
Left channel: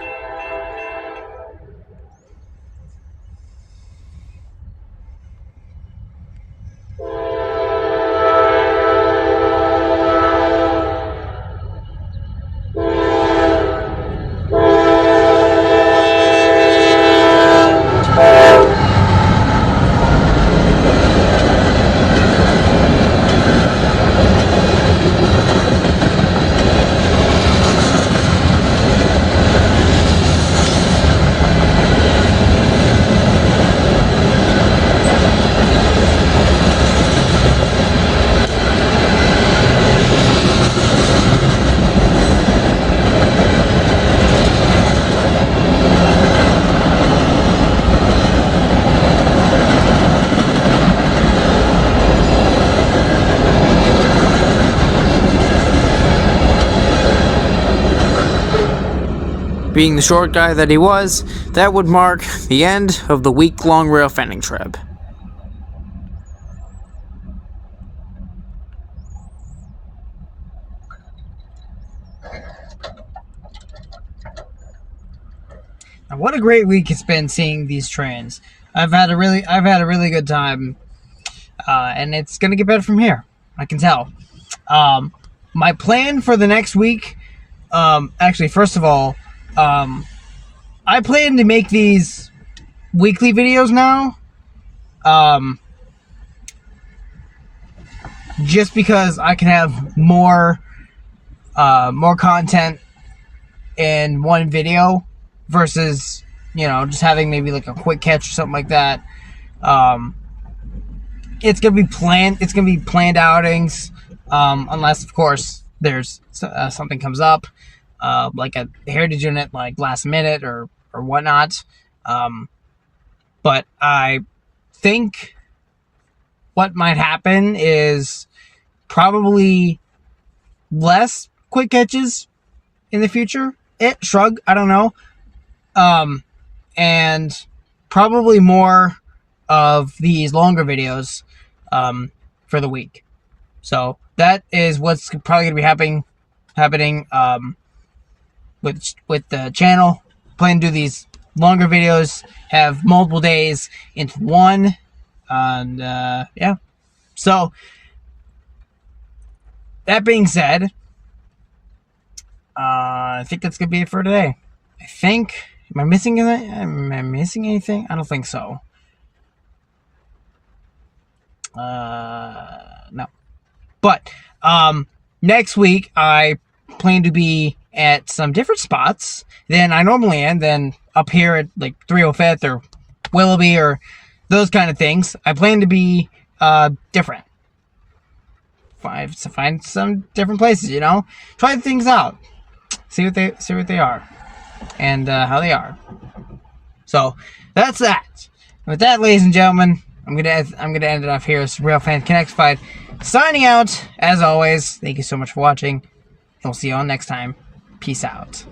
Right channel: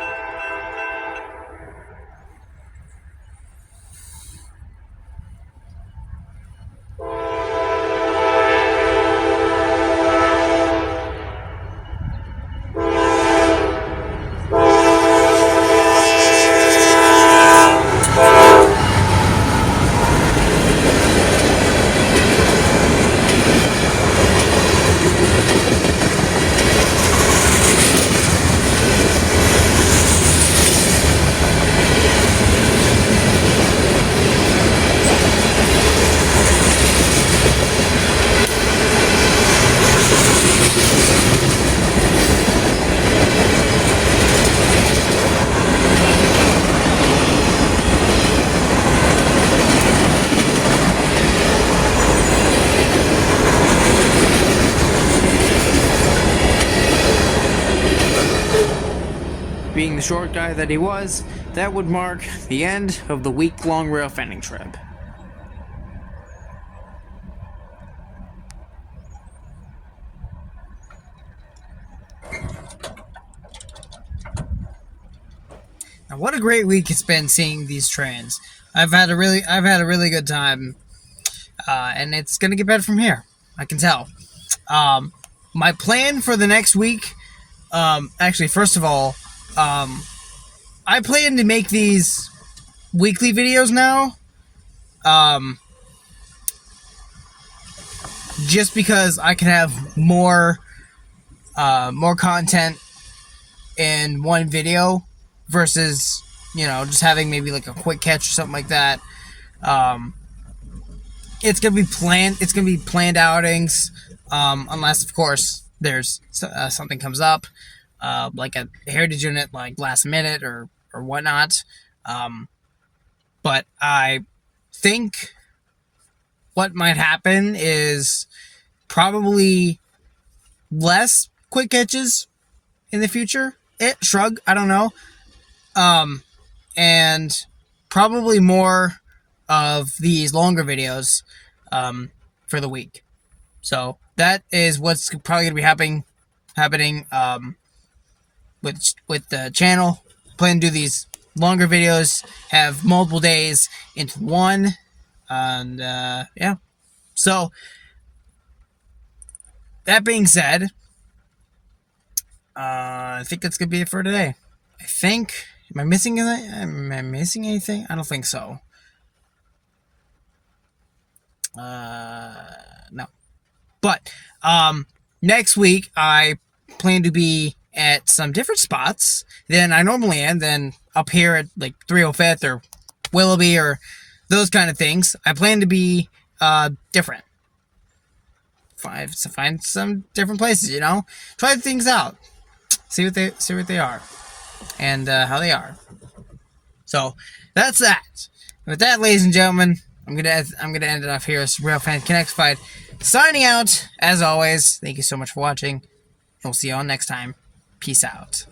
Being the short guy that he was, that would mark the end of the week-long railfanning trip. Now, what a great week it's been seeing these trains. I've had a really good time, and it's gonna get better from here. I can tell. My plan for the next week, actually, first of all, I plan to make these weekly videos now, just because I can have more content in one video versus, just having maybe like a quick catch or something like that. It's gonna be planned outings, unless of course there's something comes up. Like a heritage unit, like last minute or whatnot. But I think what might happen is probably less quick catches in the future. Shrug, I don't know. And probably more of these longer videos for the week. So that is what's probably going to be happening with the channel. Plan to do these longer videos, have multiple days into one, and yeah. So that being said, I think that's gonna be it for today. Am I missing anything? Am I missing anything? I don't think so. No. But next week I plan to be at some different spots than I normally am, than up here at like 305th or Willoughby or those kind of things. I plan to be different. Find some different places, try things out, see what they are, and how they are. So that's that. And with that, ladies and gentlemen, I'm gonna end it off here. It's Railfanning Connectified signing out. As always, thank you so much for watching, and we'll see you all next time. Peace out.